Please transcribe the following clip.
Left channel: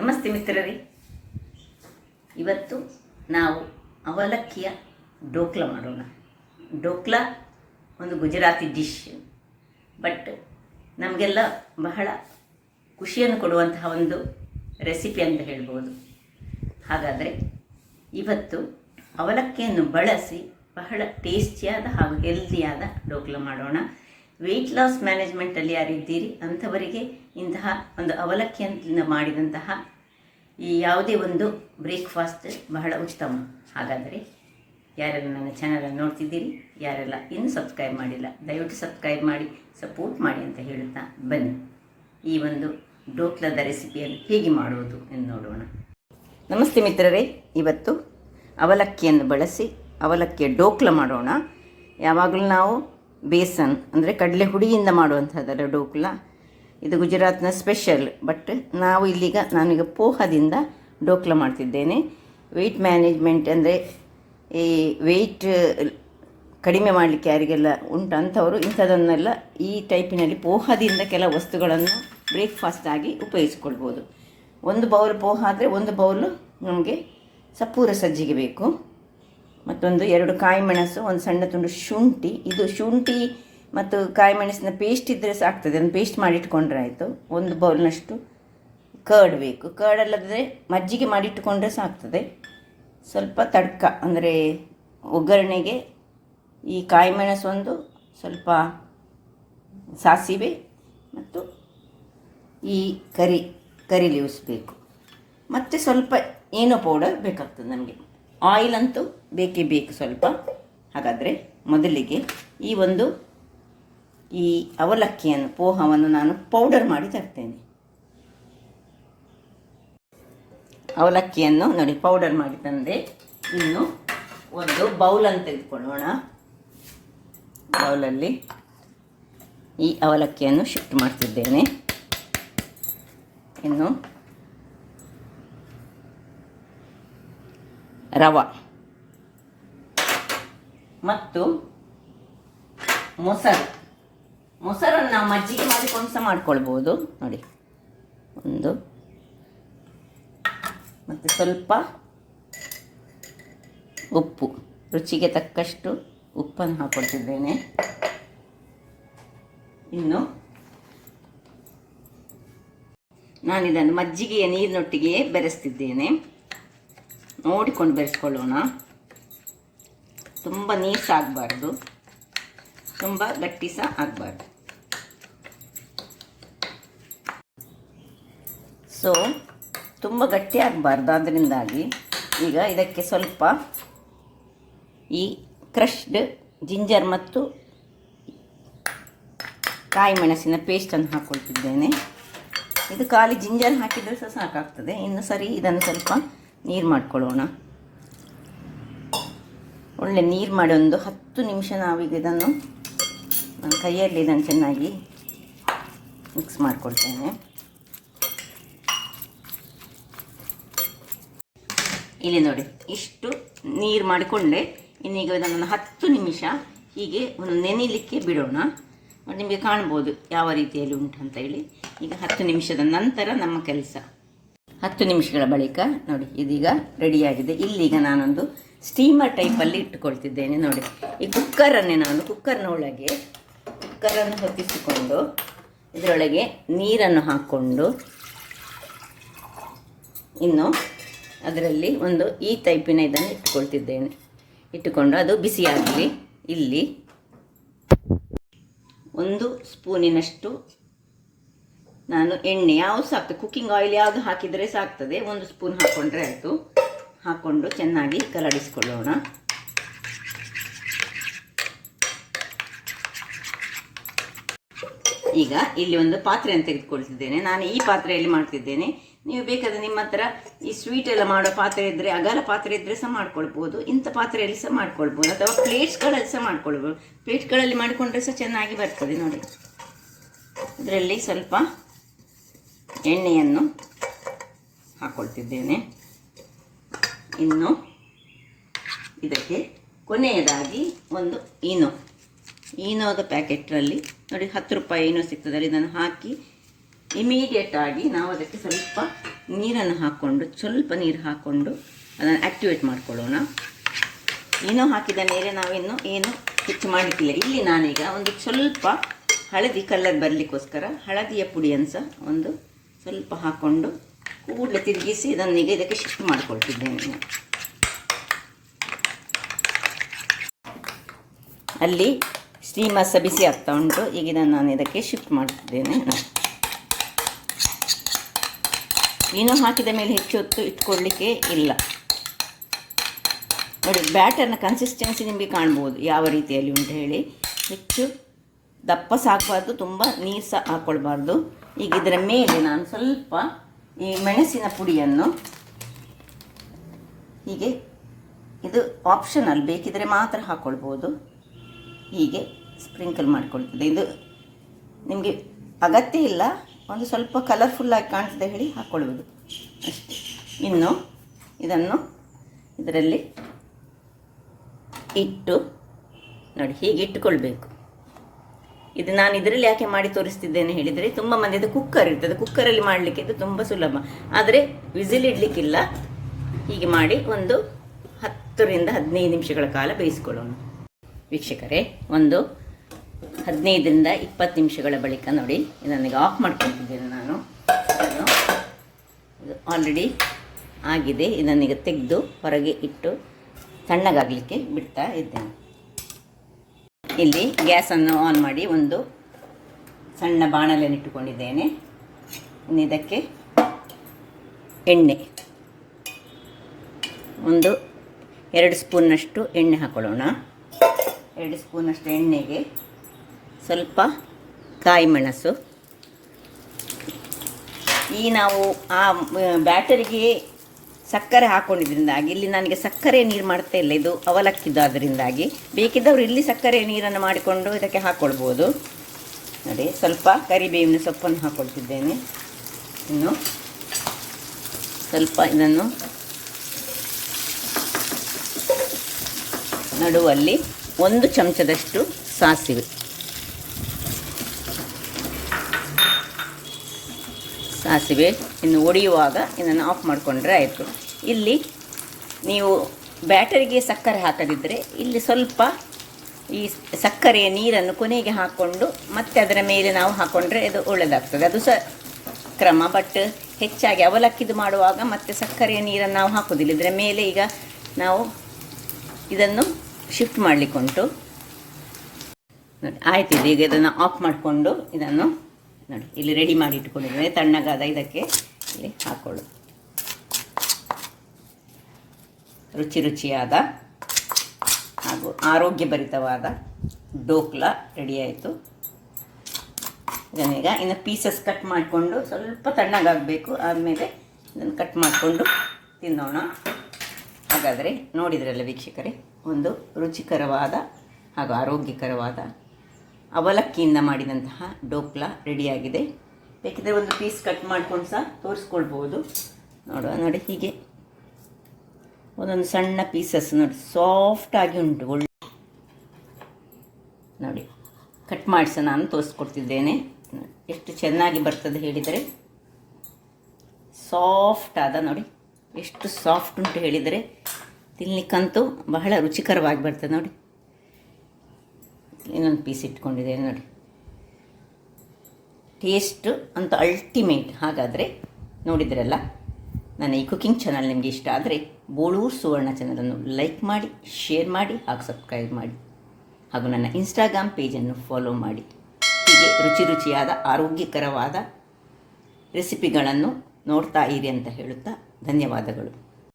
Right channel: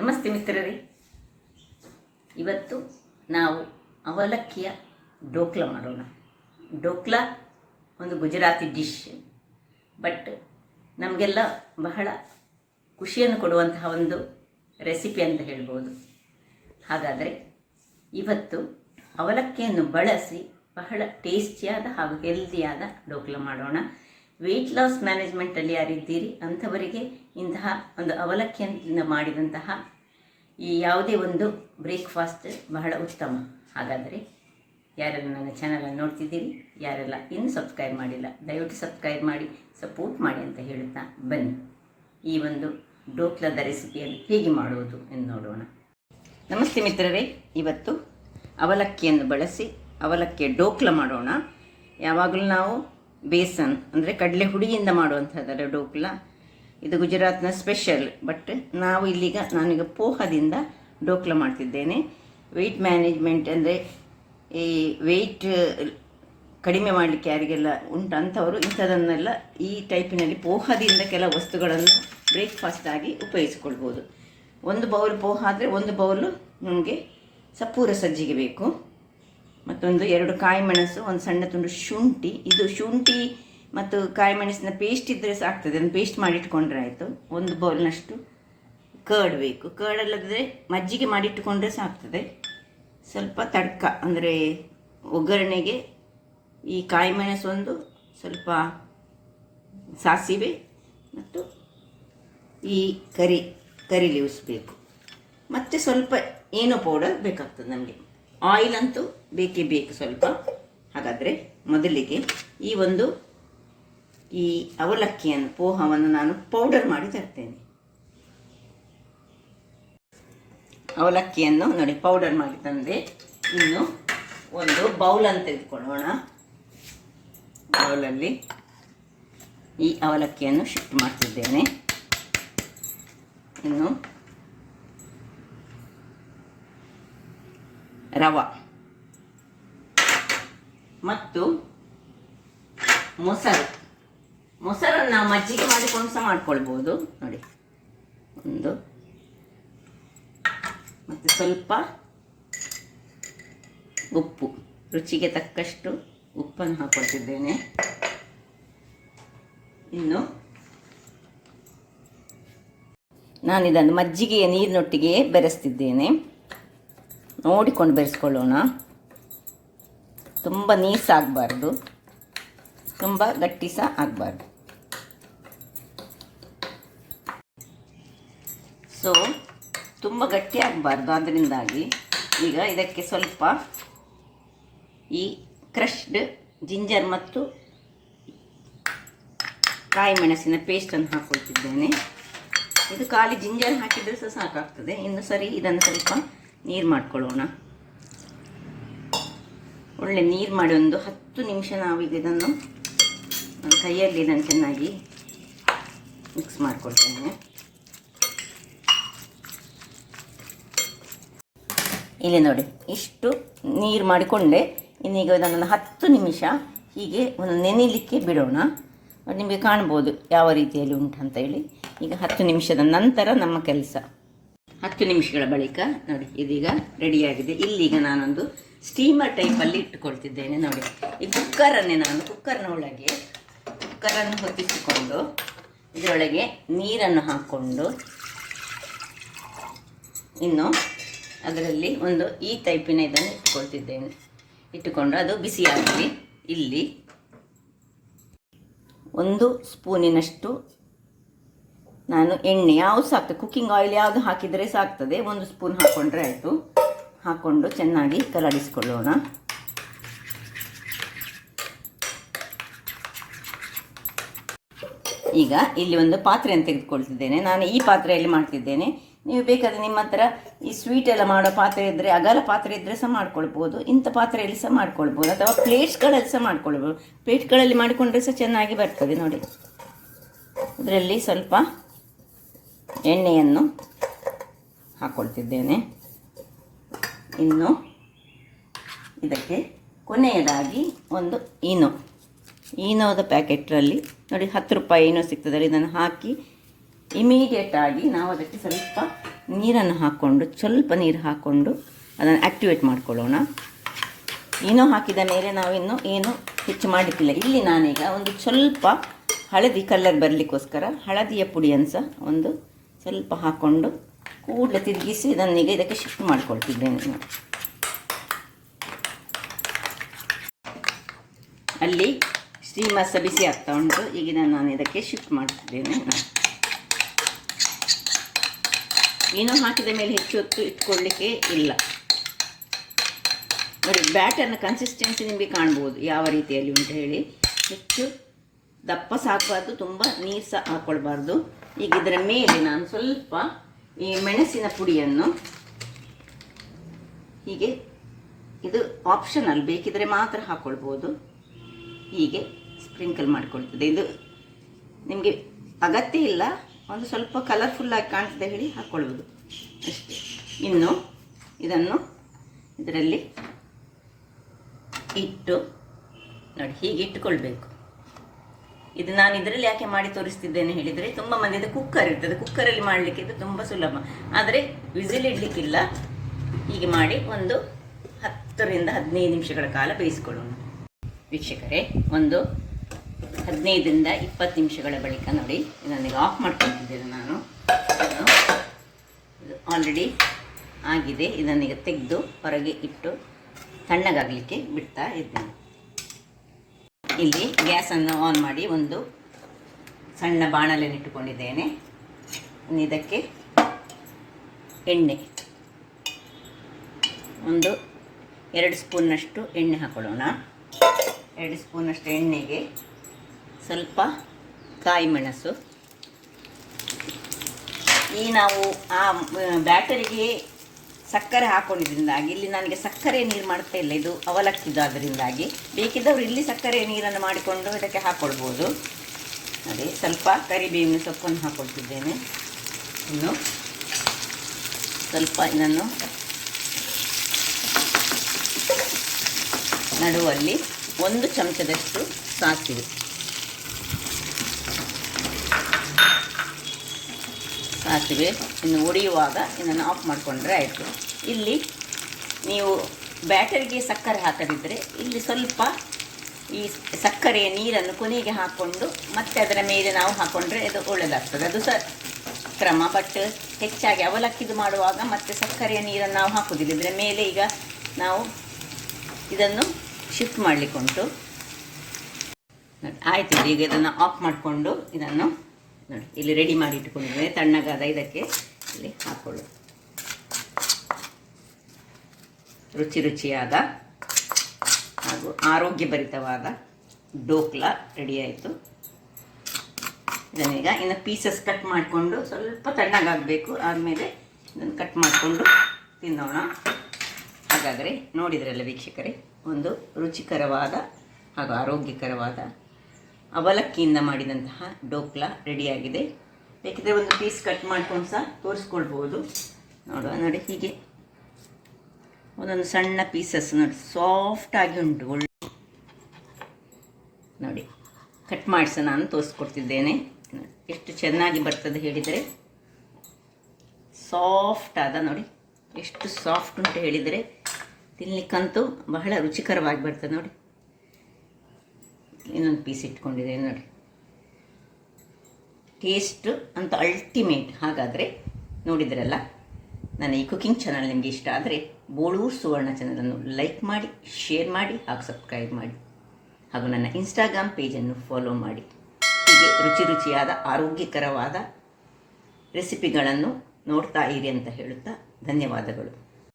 ನಮಸ್ತೆ ಮಿತ್ರರೇ, ಇವತ್ತು ನಾವು ಅವಲಕ್ಕಿಯ ಡೋಕ್ಲಾ ಮಾಡೋಣ. ಡೋಕ್ಲಾ ಒಂದು ಗುಜರಾತಿ ಡಿಶ್, ಬಟ್ ನಮಗೆಲ್ಲ ಬಹಳ ಖುಷಿಯನ್ನು ಕೊಡುವಂತಹ ಒಂದು ರೆಸಿಪಿ ಅಂತ ಹೇಳ್ಬೋದು. ಹಾಗಾದರೆ ಇವತ್ತು ಅವಲಕ್ಕಿಯನ್ನು ಬಳಸಿ ಬಹಳ ಟೇಸ್ಟಿಯಾದ ಹಾಗೂ ಹೆಲ್ದಿಯಾದ ಡೋಕ್ಲಾ ಮಾಡೋಣ. ವೆಯ್ಟ್ ಲಾಸ್ ಮ್ಯಾನೇಜ್ಮೆಂಟಲ್ಲಿ ಯಾರಿದ್ದೀರಿ ಅಂಥವರಿಗೆ ಇಂತಹ ಒಂದು ಅವಲಕ್ಕಿಯಿಂದ ಮಾಡಿದಂತಹ ಈ ಯಾವುದೇ ಒಂದು ಬ್ರೇಕ್ಫಾಸ್ಟ್ ಬಹಳ ಉತ್ತಮ. ಹಾಗಾದರೆ ಯಾರೆಲ್ಲ ನನ್ನ ಚಾನಲನ್ನು ನೋಡ್ತಿದ್ದೀರಿ, ಯಾರೆಲ್ಲ ಇನ್ನೂ ಸಬ್ಸ್ಕ್ರೈಬ್ ಮಾಡಿಲ್ಲ, ದಯವಿಟ್ಟು ಸಬ್ಸ್ಕ್ರೈಬ್ ಮಾಡಿ ಸಪೋರ್ಟ್ ಮಾಡಿ ಅಂತ ಹೇಳುತ್ತಾ ಬನ್ನಿ ಈ ಒಂದು ಡೋಕ್ಲಾದ ರೆಸಿಪಿಯನ್ನು ಹೇಗೆ ಮಾಡುವುದು ಎಂದು ನೋಡೋಣ. ನಮಸ್ತೆ ಮಿತ್ರರೇ, ಇವತ್ತು ಅವಲಕ್ಕಿಯನ್ನು ಬಳಸಿ ಅವಲಕ್ಕಿಯ ಡೋಕ್ಲಾ ಮಾಡೋಣ. ಯಾವಾಗಲೂ ನಾವು ಬೇಸನ್ ಅಂದರೆ ಕಡಲೆ ಹುಡಿಯಿಂದ ಮಾಡುವಂಥದ್ದಲ್ಲ ಡೋಕ್ಲಾ, ಇದು ಗುಜರಾತ್ನ ಸ್ಪೆಷಲ್. ಬಟ್ ನಾನೀಗ ಪೋಹದಿಂದ ಡೋಕ್ಲಾ ಮಾಡ್ತಿದ್ದೇನೆ. ವೆಯ್ಟ್ ಮ್ಯಾನೇಜ್ಮೆಂಟ್ ಅಂದರೆ ಈ ವೆಯ್ಟ್ ಕಡಿಮೆ ಮಾಡಲಿಕ್ಕೆ ಯಾರಿಗೆಲ್ಲ ಉಂಟಂಥವರು ಇಂಥದನ್ನೆಲ್ಲ ಈ ಟೈಪಿನಲ್ಲಿ ಪೋಹದಿಂದ ಕೆಲವು ವಸ್ತುಗಳನ್ನು ಬ್ರೇಕ್ಫಾಸ್ಟ್ ಆಗಿ ಉಪಯೋಗಿಸ್ಕೊಳ್ಬೋದು. ಒಂದು ಬೌಲ್ ಪೋಹ ಆದರೆ ಒಂದು ಬೌಲು ನಮಗೆ ಸಪೂರ ಸಜ್ಜಿಗೆ ಬೇಕು, ಮತ್ತೊಂದು 2 ಕಾಯಿ ಮೆಣಸು, ಒಂದು ಸಣ್ಣ ತುಂಡು ಶುಂಠಿ. ಇದು ಶುಂಠಿ ಮತ್ತು ಕಾಯಿ ಮೆಣಸಿನ ಪೇಸ್ಟ್ ಇದ್ದರೆ ಸಾಕ್ತದೆ, ಅದನ್ನು ಪೇಸ್ಟ್ ಮಾಡಿಟ್ಕೊಂಡ್ರೆ ಆಯಿತು. ಒಂದು ಬೌಲ್ನಷ್ಟು ಕರ್ಡ್ ಬೇಕು, ಕರ್ಡ್ ಅಲ್ಲದ್ರೆ ಮಜ್ಜಿಗೆ ಮಾಡಿಟ್ಟುಕೊಂಡ್ರೆ ಸಾಕ್ತದೆ. ಸ್ವಲ್ಪ ತಡ್ಕ ಅಂದರೆ ಒಗ್ಗರಣೆಗೆ ಈ ಕಾಯಿ ಮೆಣಸು ಒಂದು, ಸ್ವಲ್ಪ ಸಾಸಿವೆ ಮತ್ತು ಈ ಕರಿ ಲೀವ್ಸ್ ಬೇಕು, ಮತ್ತು ಸ್ವಲ್ಪ ಏನೋ ಪೌಡರ್ ಬೇಕಾಗ್ತದೆ ನಮಗೆ. ಆಯಿಲ್ ಅಂತೂ ಬೇಕೇ ಬೇಕು ಸ್ವಲ್ಪ. ಹಾಗಾದರೆ ಮೊದಲಿಗೆ ಈ ಅವಲಕ್ಕಿಯನ್ನು ಪೋಹವನ್ನು ನಾನು ಪೌಡರ್ ಮಾಡಿ ತರ್ತೇನೆ. ಅವಲಕ್ಕಿಯನ್ನು ನೋಡಿ ಪೌಡರ್ ಮಾಡಿ ತಂದೆ. ಇನ್ನು ಒಂದು ಬೌಲನ್ನು ತೆಗೆದುಕೊಳ್ಳೋಣ. ಬೌಲಲ್ಲಿ ಈ ಅವಲಕ್ಕಿಯನ್ನು ಶಿಫ್ಟ್ ಮಾಡ್ತಿದ್ದೇನೆ. ಇನ್ನು ರವೆ ಮತ್ತು ಮೊಸರನ್ನು ನಾವು ಮಜ್ಜಿಗೆ ಮಾಡಿಕೊಂಡು ಸಹ ಮಾಡ್ಕೊಳ್ಬೋದು ನೋಡಿ. ಒಂದು ಮತ್ತು ಸ್ವಲ್ಪ ಉಪ್ಪು, ರುಚಿಗೆ ತಕ್ಕಷ್ಟು ಉಪ್ಪನ್ನು ಹಾಕೊಳ್ತಿದ್ದೇನೆ. ಇನ್ನು ನಾನಿದನ್ನು ಮಜ್ಜಿಗೆಯ ನೀರಿನೊಟ್ಟಿಗೆ ಬೆರೆಸ್ತಿದ್ದೇನೆ. ನೋಡಿಕೊಂಡು ಬೆರೆಸ್ಕೊಳ್ಳೋಣ. ತುಂಬ ನೀರು ಸಹ ಆಗಬಾರ್ದು, ತುಂಬ ಗಟ್ಟಿ ಸಹ ಆಗಬಾರ್ದು. ಸೊ ತುಂಬ ಗಟ್ಟಿ ಆಗಬಾರ್ದು. ಅದರಿಂದಾಗಿ ಈಗ ಇದಕ್ಕೆ ಸ್ವಲ್ಪ ಈ ಕ್ರಶ್ಡ್ ಜಿಂಜರ್ ಮತ್ತು ಕಾಯಿ ಮೆಣಸಿನ ಪೇಸ್ಟನ್ನು ಹಾಕ್ಕೊಳ್ತಿದ್ದೇನೆ. ಇದು ಖಾಲಿ ಜಿಂಜರ್ ಹಾಕಿದರೆ ಸಹ ಸಾಕಾಗ್ತದೆ. ಇನ್ನು ಸರಿ ಇದನ್ನು ಸ್ವಲ್ಪ ನೀರು ಮಾಡ್ಕೊಳ್ಳೋಣ. ಒಳ್ಳೆ ನೀರು ಮಾಡಿ ಒಂದು 10 ನಿಮಿಷ ನಾವೀಗ ಇದನ್ನು ಕೈಯಲ್ಲಿ ಇದನ್ನು ಚೆನ್ನಾಗಿ ಮಿಕ್ಸ್ ಮಾಡ್ಕೊಳ್ತೇನೆ. ಇಲ್ಲಿ ನೋಡಿ ಇಷ್ಟು ನೀರು ಮಾಡಿಕೊಂಡೆ. ಇನ್ನೀಗ ಇದನ್ನು 10 ನಿಮಿಷ ಹೀಗೆ ಒಂದು ನೆನೆಯಲಿಕ್ಕೆ ಬಿಡೋಣ. ನಿಮಗೆ ಕಾಣ್ಬೋದು ಯಾವ ರೀತಿಯಲ್ಲಿ ಉಂಟಂತ ಹೇಳಿ. ಈಗ 10 ನಿಮಿಷದ ನಂತರ ನಮ್ಮ ಕೆಲಸ. 10 ನಿಮಿಷಗಳ ಬಳಿಕ ನೋಡಿ ಇದೀಗ ರೆಡಿಯಾಗಿದೆ. ಇಲ್ಲೀಗ ನಾನೊಂದು ಸ್ಟೀಮರ್ ಟೈಪಲ್ಲಿ ಇಟ್ಟುಕೊಳ್ತಿದ್ದೇನೆ. ನೋಡಿ ಈ ಕುಕ್ಕರ್ನ ಒಳಗೆ ಕುಕ್ಕರನ್ನು ಹೊತ್ತಿಸಿಕೊಂಡು ಇದರೊಳಗೆ ನೀರನ್ನು ಹಾಕ್ಕೊಂಡು ಇನ್ನು ಅದರಲ್ಲಿ ಒಂದು ಈ ಟೈಪಿನ ಇದನ್ನು ಇಟ್ಟುಕೊಂಡು ಅದು ಬಿಸಿಯಾಗಲಿ. ಇಲ್ಲಿ 1 ಸ್ಪೂನಿನಷ್ಟು ನಾನು ಎಣ್ಣೆ ಯಾವುದು ಸಾಕ್ತದೆ, ಕುಕ್ಕಿಂಗ್ ಆಯಿಲ್ ಯಾವುದು ಹಾಕಿದರೆ ಸಾಕ್ತದೆ, 1 ಸ್ಪೂನ್ ಹಾಕ್ಕೊಂಡ್ರೆ ಆಯಿತು. ಹಾಕ್ಕೊಂಡು ಚೆನ್ನಾಗಿ ಕಲಡಿಸ್ಕೊಳ್ಳೋಣ. ಈಗ ಇಲ್ಲಿ ಒಂದು ಪಾತ್ರೆಯನ್ನು ತೆಗೆದುಕೊಳ್ತಿದ್ದೇನೆ. ನಾನು ಈ ಪಾತ್ರೆಯಲ್ಲಿ ಮಾಡ್ತಿದ್ದೇನೆ. ನೀವು ಬೇಕಾದರೆ ನಿಮ್ಮ ಹತ್ರ ಈ ಸ್ವೀಟ್ ಎಲ್ಲ ಮಾಡೋ ಪಾತ್ರೆ ಇದ್ದರೆ, ಅಗಲ ಪಾತ್ರೆ ಇದ್ದರೆ ಸಹ ಮಾಡ್ಕೊಳ್ಬೋದು, ಇಂಥ ಪಾತ್ರೆಯಲ್ಲಿ ಸಹ ಮಾಡ್ಕೊಳ್ಬೋದು, ಅಥವಾ ಪ್ಲೇಟ್ಸ್ಗಳಲ್ಲಿ ಸಹ ಮಾಡ್ಕೊಳ್ಬೋದು. ಪ್ಲೇಟ್ಗಳಲ್ಲಿ ಮಾಡಿಕೊಂಡ್ರೆ ಸಹ ಚೆನ್ನಾಗಿ ಬರ್ತದೆ. ನೋಡಿ ಇದರಲ್ಲಿ ಸ್ವಲ್ಪ ಎಣ್ಣೆಯನ್ನು ಹಾಕ್ಕೊಳ್ತಿದ್ದೇನೆ. ಇನ್ನು ಇದಕ್ಕೆ ಕೊನೆಯದಾಗಿ ಒಂದು ಈನೋದ ಪ್ಯಾಕೆಟ್ರಲ್ಲಿ ನೋಡಿ 10 ರೂಪಾಯಿ ಏನೋ ಸಿಗ್ತದೆ, ಇದನ್ನು ಹಾಕಿ ಇಮಿಡಿಯೇಟ್ ಆಗಿ ನಾವು ಅದಕ್ಕೆ ಸ್ವಲ್ಪ ನೀರನ್ನು ಹಾಕ್ಕೊಂಡು ಸ್ವಲ್ಪ ನೀರು ಹಾಕ್ಕೊಂಡು ಅದನ್ನು ಆ್ಯಕ್ಟಿವೇಟ್ ಮಾಡ್ಕೊಳ್ಳೋಣ. ಏನೋ ಹಾಕಿದ ಮೇಲೆ ನಾವಿನ್ನು ಏನು ಹೆಚ್ಚು ಮಾಡಲಿಕ್ಕಿಲ್ಲ. ಇಲ್ಲಿ ನಾನೀಗ ಒಂದು ಸ್ವಲ್ಪ ಹಳದಿ ಕಲರ್ ಬರಲಿಕ್ಕೋಸ್ಕರ ಹಳದಿಯ ಪುಡಿಯನ್ನು ಸಹ ಒಂದು ಸ್ವಲ್ಪ ಹಾಕ್ಕೊಂಡು ಕೂಡಲೇ ತಿರುಗಿಸಿ ಇದನ್ನೀಗ ಇದಕ್ಕೆ ಶಿಫ್ಟ್ ಮಾಡಿಕೊಳ್ತಿದ್ದೇನೆ. ಅಲ್ಲಿ ಸ್ಟೀಮರ್ ಸಹ ಬಿಸಿ ಆಗ್ತಾ ಉಂಟು. ಈಗ ಇದನ್ನು ನಾನು ಇದಕ್ಕೆ ಶಿಫ್ಟ್ ಮಾಡ್ತಿದ್ದೇನೆ. ಏನೋ ಹಾಕಿದ ಮೇಲೆ ಹೆಚ್ಚು ಹೊತ್ತು ಇಟ್ಕೊಳ್ಳಿಕ್ಕೆ ಇಲ್ಲ. ನೋಡಿ, ಬ್ಯಾಟರ್ನ ಕನ್ಸಿಸ್ಟೆನ್ಸಿ ನಿಮಗೆ ಕಾಣ್ಬೋದು ಯಾವ ರೀತಿಯಲ್ಲಿ ಉಂಟು ಹೇಳಿ. ಹೆಚ್ಚು ದಪ್ಪ ಸಾಕಬಾರ್ದು, ತುಂಬ ನೀರು ಸಹ ಹಾಕ್ಕೊಳ್ಬಾರ್ದು. ಈಗ ಇದರ ಮೇಲೆ ನಾನು ಸ್ವಲ್ಪ ಈ ಮೆಣಸಿನ ಪುಡಿಯನ್ನು ಹೀಗೆ, ಇದು ಆಪ್ಷನಲ್, ಬೇಕಿದ್ರೆ ಮಾತ್ರ ಹಾಕ್ಕೊಳ್ಬೋದು, ಹೀಗೆ ಸ್ಪ್ರಿಂಕಲ್ ಮಾಡ್ಕೊಳ್ತದೆ. ಇದು ನಿಮಗೆ ಅಗತ್ಯ ಇಲ್ಲ, ಒಂದು ಸ್ವಲ್ಪ ಕಲರ್ಫುಲ್ಲಾಗಿ ಕಾಣಿಸ್ದೆ ಹೇಳಿ ಹಾಕ್ಕೊಳ್ಬೋದು ಅಷ್ಟೇ. ಇನ್ನು ಇದನ್ನು ಇದರಲ್ಲಿ ಇಟ್ಟು ನೋಡಿ, ಹೀಗೆ ಇಟ್ಟುಕೊಳ್ಬೇಕು. ಇದು ನಾನು ಇದರಲ್ಲಿ ಯಾಕೆ ಮಾಡಿ ತೋರಿಸ್ತಿದ್ದೇನೆ ಹೇಳಿದರೆ, ತುಂಬ ಮಂದಿದು ಕುಕ್ಕರ್ ಇರ್ತದೆ, ಕುಕ್ಕರಲ್ಲಿ ಮಾಡಲಿಕ್ಕೆ ಇದು ತುಂಬ ಸುಲಭ. ಆದರೆ ವಿಸಿಲ್ ಇಡಲಿಕ್ಕಿಲ್ಲ. ಹೀಗೆ ಮಾಡಿ ಒಂದು 10ರಿಂದ 15 ನಿಮಿಷಗಳ ಕಾಲ ಬೇಯಿಸಿಕೊಳ್ಳೋಣ. ವೀಕ್ಷಕರೇ, ಒಂದು 15ರಿಂದ 20 ನಿಮಿಷಗಳ ಬಳಿಕ ನೋಡಿ, ಇದನ್ನೀಗ ಆಫ್ ಮಾಡ್ಕೊಳ್ತಿದ್ದೇನೆ ನಾನು. ಇದು ಆಲ್ರೆಡಿ ಆಗಿದೆ. ಇದನ್ನೀಗ ತೆಗೆದು ಹೊರಗೆ ಇಟ್ಟು ತಣ್ಣಗಾಗಲಿಕ್ಕೆ ಬಿಡ್ತಾ ಇದ್ದೇನೆ. ಇಲ್ಲಿ ಗ್ಯಾಸನ್ನು ಆನ್ ಮಾಡಿ ಒಂದು ಸಣ್ಣ ಬಾಣಲೆಯನ್ನು ಇಟ್ಟುಕೊಂಡಿದ್ದೇನೆ. ಇದಕ್ಕೆ ಎಣ್ಣೆ, ಒಂದು 2 ಸ್ಪೂನ್ನಷ್ಟು ಎಣ್ಣೆ ಹಾಕೊಳ್ಳೋಣ. 2 ಸ್ಪೂನಷ್ಟು ಎಣ್ಣೆಗೆ ಸ್ವಲ್ಪ ಕಾಯಿ ಮೆಣಸು. ಈ ನಾವು ಆ ಬ್ಯಾಟರಿಗೆ ಸಕ್ಕರೆ ಹಾಕ್ಕೊಂಡಿದ್ದರಿಂದಾಗಿ ಇಲ್ಲಿ ನನಗೆ ಸಕ್ಕರೆ ನೀರು ಮಾಡ್ತಾ ಇಲ್ಲ, ಇದು ಅವಲಕ್ಕಿದಾದ್ರಿಂದಾಗಿ. ಬೇಕಿದ್ದವರು ಇಲ್ಲಿ ಸಕ್ಕರೆ ನೀರನ್ನು ಮಾಡಿಕೊಂಡು ಇದಕ್ಕೆ ಹಾಕ್ಕೊಳ್ಬೋದು. ಅದೇ ಸ್ವಲ್ಪ ಕರಿಬೇವಿನ ಸೊಪ್ಪನ್ನು ಹಾಕ್ಕೊಳ್ತಿದ್ದೇನೆ. ಇನ್ನು ಸ್ವಲ್ಪ ಇದನ್ನು ನಡುವಲ್ಲಿ 1 ಚಮಚದಷ್ಟು ಸಾಸಿವೆ, ಇನ್ನು ಒಡೆಯುವಾಗ ಇದನ್ನು ಆಫ್ ಮಾಡಿಕೊಂಡ್ರೆ ಆಯಿತು. ಇಲ್ಲಿ ನೀವು ಬ್ಯಾಟರಿಗೆ ಸಕ್ಕರೆ ಹಾಕದಿದ್ದರೆ ಇಲ್ಲಿ ಸ್ವಲ್ಪ ಈ ಸಕ್ಕರೆಯ ನೀರನ್ನು ಕೊನೆಗೆ ಹಾಕ್ಕೊಂಡು ಮತ್ತೆ ಅದರ ಮೇಲೆ ನಾವು ಹಾಕ್ಕೊಂಡ್ರೆ ಇದು ಒಳ್ಳೆಯದಾಗ್ತದೆ. ಅದು ಸಹ ಕ್ರಮ. ಬಟ್ ಹೆಚ್ಚಾಗಿ ಅವಲಕ್ಕಿದು ಮಾಡುವಾಗ ಮತ್ತೆ ಸಕ್ಕರೆಯ ನೀರನ್ನು ನಾವು ಹಾಕೋದಿಲ್ಲ. ಇದರ ಮೇಲೆ ಈಗ ನಾವು ಇದನ್ನು ಶಿಫ್ಟ್ ಮಾಡಲಿಕ್ಕುಂಟು. ಆಯ್ತು, ಈಗ ಇದನ್ನು ಆಫ್ ಮಾಡಿಕೊಂಡು ಇದನ್ನು ನೋಡಿ ಇಲ್ಲಿ ರೆಡಿ ಮಾಡಿ ಇಟ್ಕೊಂಡಿದ್ದೇವೆ. ತಣ್ಣಗಾದ ಇದಕ್ಕೆ ಇಲ್ಲಿ ಹಾಕ್ಕೊಳ್ಳು. ರುಚಿಯಾದ ಹಾಗೂ ಆರೋಗ್ಯಭರಿತವಾದ ಡೋಕ್ಲಾ ರೆಡಿ ಆಯಿತು. ಇದನ್ನೀಗ ಇನ್ನು ಪೀಸಸ್ ಕಟ್ ಮಾಡಿಕೊಂಡು ಸ್ವಲ್ಪ ತಣ್ಣಗಾಗಬೇಕು, ಆದಮೇಲೆ ಇದನ್ನು ಕಟ್ ಮಾಡಿಕೊಂಡು ತಿನ್ನೋಣ. ಹಾಗಾದರೆ ನೋಡಿದ್ರಲ್ಲ ವೀಕ್ಷಕರೇ, ಒಂದು ರುಚಿಕರವಾದ ಹಾಗೂ ಆರೋಗ್ಯಕರವಾದ ಅವಲಕ್ಕಿಯಿಂದ ಮಾಡಿದಂತಹ ಡೋಕ್ಲಾ ರೆಡಿಯಾಗಿದೆ. ಬೇಕಿದ್ರೆ ಒಂದು ಪೀಸ್ ಕಟ್ ಮಾಡ್ಕೊಂಡು ಸಹ ತೋರಿಸ್ಕೊಳ್ಬೋದು. ನೋಡುವ, ನೋಡಿ ಹೀಗೆ ಒಂದೊಂದು ಸಣ್ಣ ಪೀಸಸ್ ನೋಡಿ ಸಾಫ್ಟಾಗಿ ಉಂಟು. ನೋಡಿ ಕಟ್ ಮಾಡಿಸಿ ನಾನು ತೋರಿಸ್ಕೊಡ್ತಿದ್ದೇನೆ. ಎಷ್ಟು ಚೆನ್ನಾಗಿ ಬರ್ತದೆ ಹೇಳಿದರೆ, ಸಾಫ್ಟ್ ಆದ ನೋಡಿ, ಎಷ್ಟು ಸಾಫ್ಟ್ ಉಂಟು ಹೇಳಿದರೆ ತಿನ್ನಲಿಕ್ಕಂತೂ ಬಹಳ ರುಚಿಕರವಾಗಿ ಬರ್ತದೆ. ನೋಡಿ ಇನ್ನೊಂದು ಪೀಸ್ ಇಟ್ಕೊಂಡಿದ್ದೇನೆ ನೋಡಿ, ಟೇಸ್ಟ್ ಅಂತ ಅಲ್ಟಿಮೇಟ್. ಹಾಗಾದರೆ ನೋಡಿದ್ರಲ್ಲ, ನನ್ನ ಈ ಕುಕಿಂಗ್ ಚಾನಲ್ ನಿಮಗೆ ಇಷ್ಟ ಆದರೆ ಬೋಳೂರು ಸುವರ್ಣ ಚಾನಲನ್ನು ಲೈಕ್ ಮಾಡಿ, ಶೇರ್ ಮಾಡಿ ಹಾಗೂ ಸಬ್ಸ್ಕ್ರೈಬ್ ಮಾಡಿ, ಹಾಗೂ ನನ್ನ ಇನ್ಸ್ಟಾಗ್ರಾಮ್ ಪೇಜನ್ನು ಫಾಲೋ ಮಾಡಿ. ಹೀಗೆ ರುಚಿಯಾದ ಆರೋಗ್ಯಕರವಾದ ರೆಸಿಪಿಗಳನ್ನು ನೋಡ್ತಾ ಇರಿ ಅಂತ ಹೇಳುತ್ತಾ ಧನ್ಯವಾದಗಳು.